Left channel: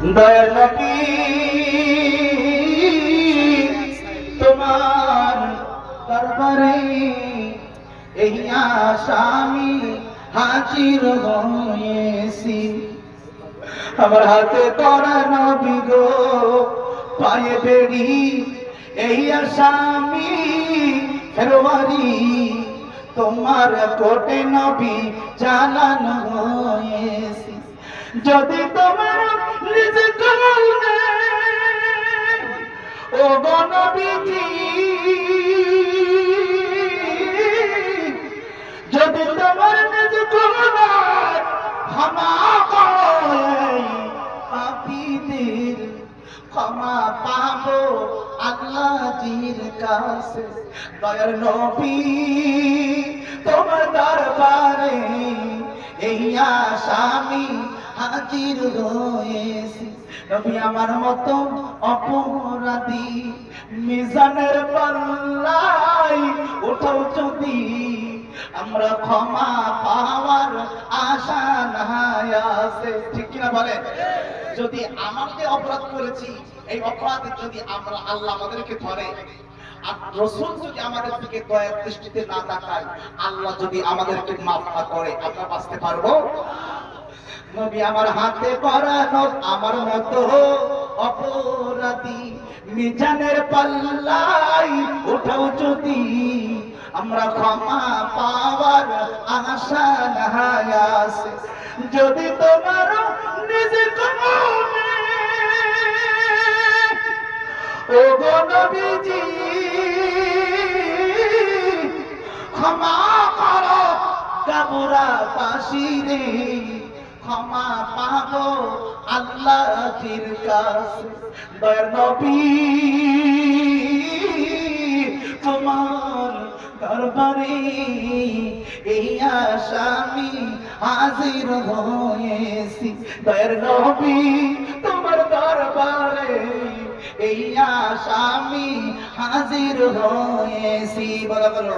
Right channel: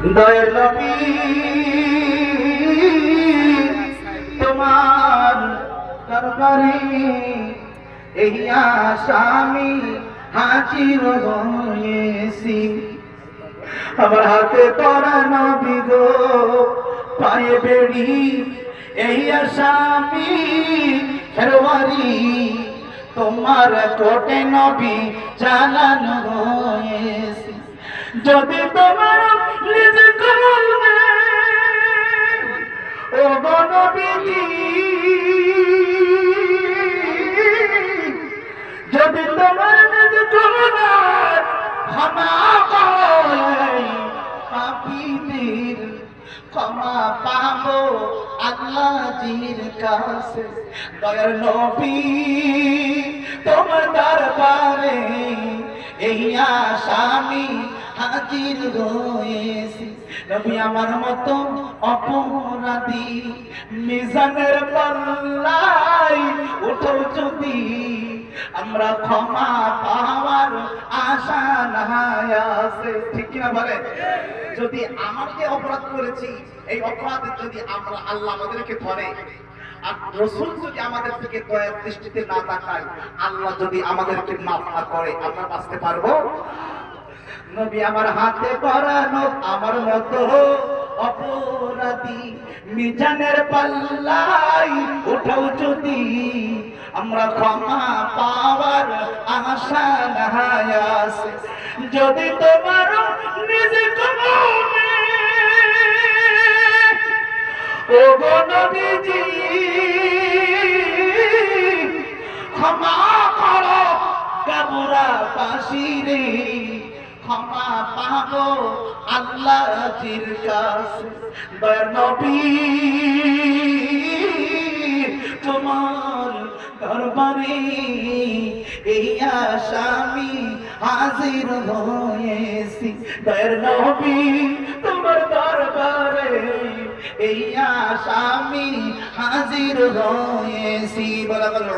দয়ার নবী, তোমার দরবারে এই আসামি হাজির হয়েছি। আমার হাতে করা নবী গো, পায়ে বেড়ি, এই আসামি খেরোয়ারি তোমার কোটে নবী জানানো হয়েছে। যদি তোমার নবীজি যদি তোমার নিজ কলমার ক্ষমা পাপীদের ক্ষমা পাবো আল্লাহজির কাছে। দয়ার নবী, তোমার দরবারে এই আসামি আমার মতো অপরাধী, মিজানের পাল্লাই যদি। আমরা ক্ষমা পাওয়ার আশা নাই আছে। ঠিক কিনা বলে? যদি আমার যে অপরাধ করেছি, এই অপরাধের যদি আমরা আল্লাহ আমাদেরকে ধরে, আর রসুল যদি আমাদের থেকে দয়ার দৃষ্টিতে না তাকায়, আল্লাহ যদি আমাদেরকে মাফ না করে, আমরা বাঁচতে পারব? নবী আমার হাতে পরানো আমার মতো অপরাধী। মিজানের পাল্লাই উঠাও যদি, আমরা ক্ষমা পাওয়ার আশা আছে। যদি তোমার নিজে কমনে ও গো নবীজি, ক্ষমা করো, কাবুরা পাশিরে ক্ষমা পাবো আল্লাহর কাছে। দয়ার নবী, তোমার দরবারে এই আসামি হাজির হয়েছি। দয়ার নবী, তোমার দরবারে এই আসামি হাজির হয়েছি। বলা বলো